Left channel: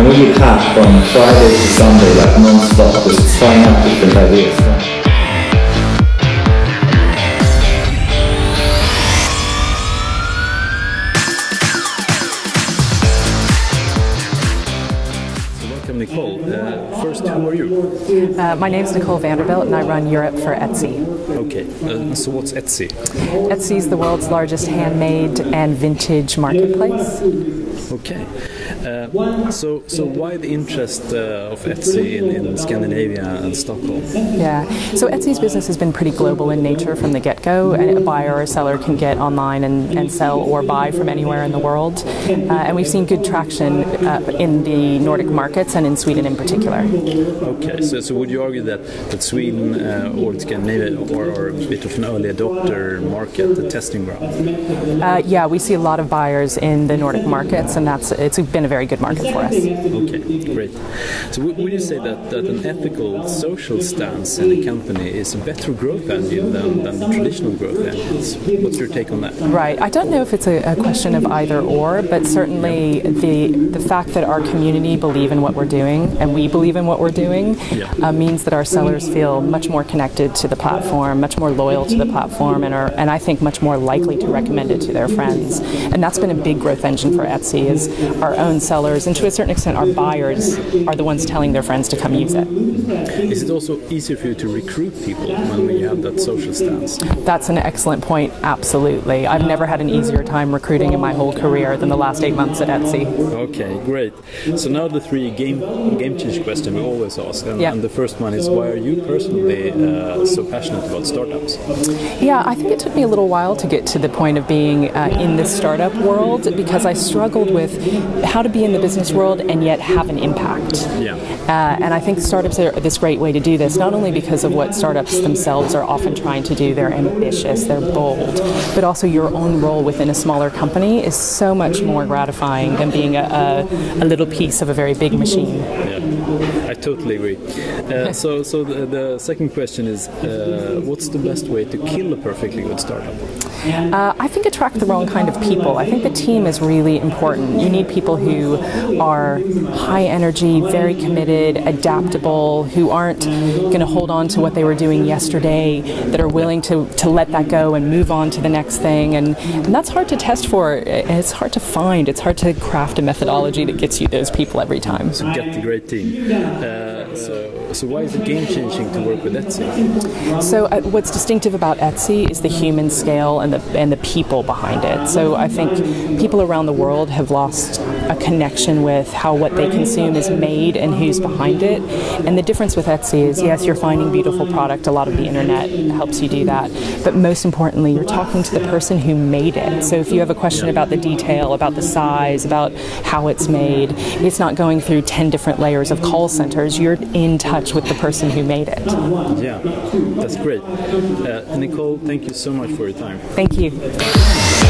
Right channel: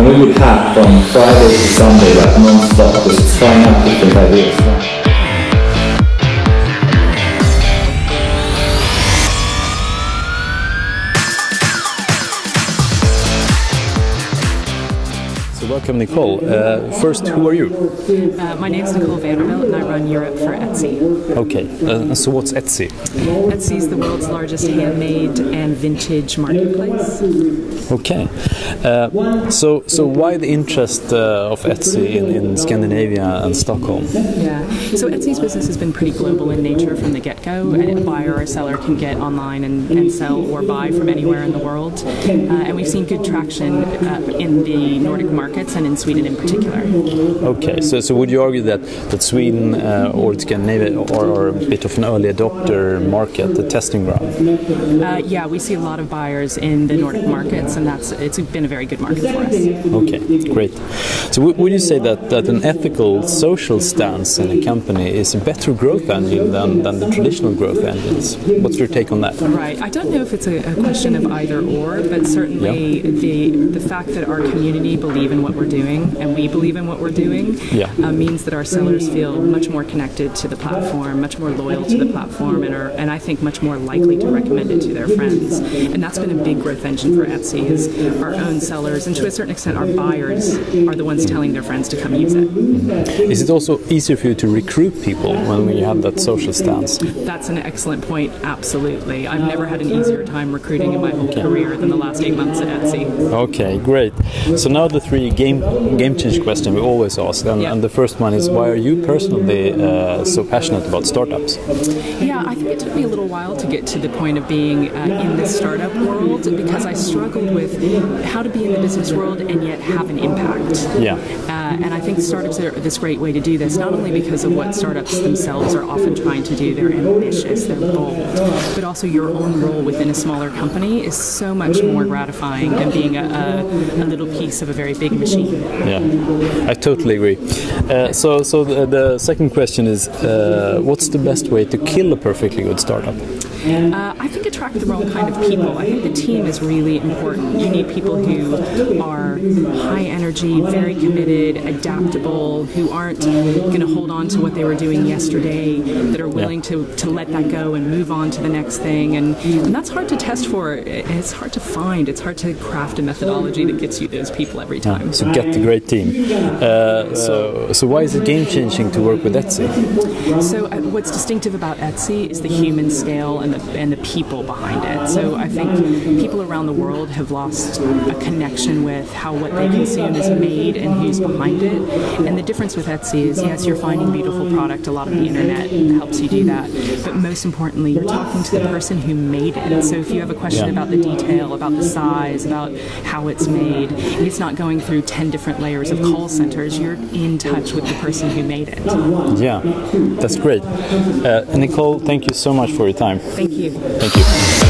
And we would have from Friday to Sunday, like non-stop, just trying out different ideas. Welcome, Nicole. First, who are you? My name is Nicole Vanderbilt and I run Europe for Etsy. Okay, so what's Etsy? Etsy is the world's largest handmade and vintage marketplace. Okay, so why the interest of Etsy in Scandinavia and Stockholm? Yeah, so Etsy's business has been pretty global in nature from the get-go. A buyer or seller can get online and sell or buy from anywhere in the world. And we've seen good traction in the Nordic markets and in Sweden in particular. Okay, so would you argue that Sweden or Scandinavia are a bit of an early adopter market, the testing ground? Yeah, we see a lot of buyers in the Nordic markets, and it's been a very good market for us. Okay, great. So would you say that an ethical, social stance in a company is a better growth engine than the traditional growth engines? What's your take on that? Right. I don't know if it's a question of either or, but certainly the fact that our community believe in what we're doing and we believe in what we're doing means that our sellers feel much more connected to the platform, much more loyal to the platform, and I think much more likely to recommend it to their friends. And that's been a big growth engine for Etsy, is our own sellers, and to a certain extent our buyers, are the ones telling their friends to come use it. Is it also easier for you to recruit people when you have that social stance? That's an excellent point, absolutely. I've never had an easier time recruiting in my whole career than the last 8 months at Etsy. Okay, great. So now the three game change question we always ask, and the first one is, why are you personally so passionate about startups? Yeah, I think it took me a little while to get to the point of being in the startup world, because I struggled with how to be in the business world and yet have an impact. Yeah. And I think startups are this great way to do this, not only because of what startups themselves are often trying to do, they're ambitious, they're bold, but also your own role within a smaller company is so much more gratifying than being a little piece of a very big machine. Yeah, I totally agree. So the second question is, what's the best way to kill a perfectly good startup? I think attract the wrong kind of people. I think the team is really important. You need people who are high energy, very committed, adaptable, who aren't going to hold on to what they were doing yesterday, that are willing to let that go and move on to the next thing. And that's hard to test for. It's hard to find. It's hard to craft a methodology that gets you those people every time. So get the great team. So why is it game-changing to work with Etsy? So what's distinctive about Etsy is the human scale and the people behind it. So I think people around the world have lost a connection with how what they consume is made and who's behind it. And the difference with Etsy is, yes, you're finding beautiful product. A lot of the internet helps you do that. But most importantly, you're talking to the person who made it. So if you have a question about the detail, about the size, about how it's made, it's not going through 10 different layers of call centers. You're in touch with the person who made it. Yeah, that's great. Nicole, thank you so much for your time. Thank you. Thank you.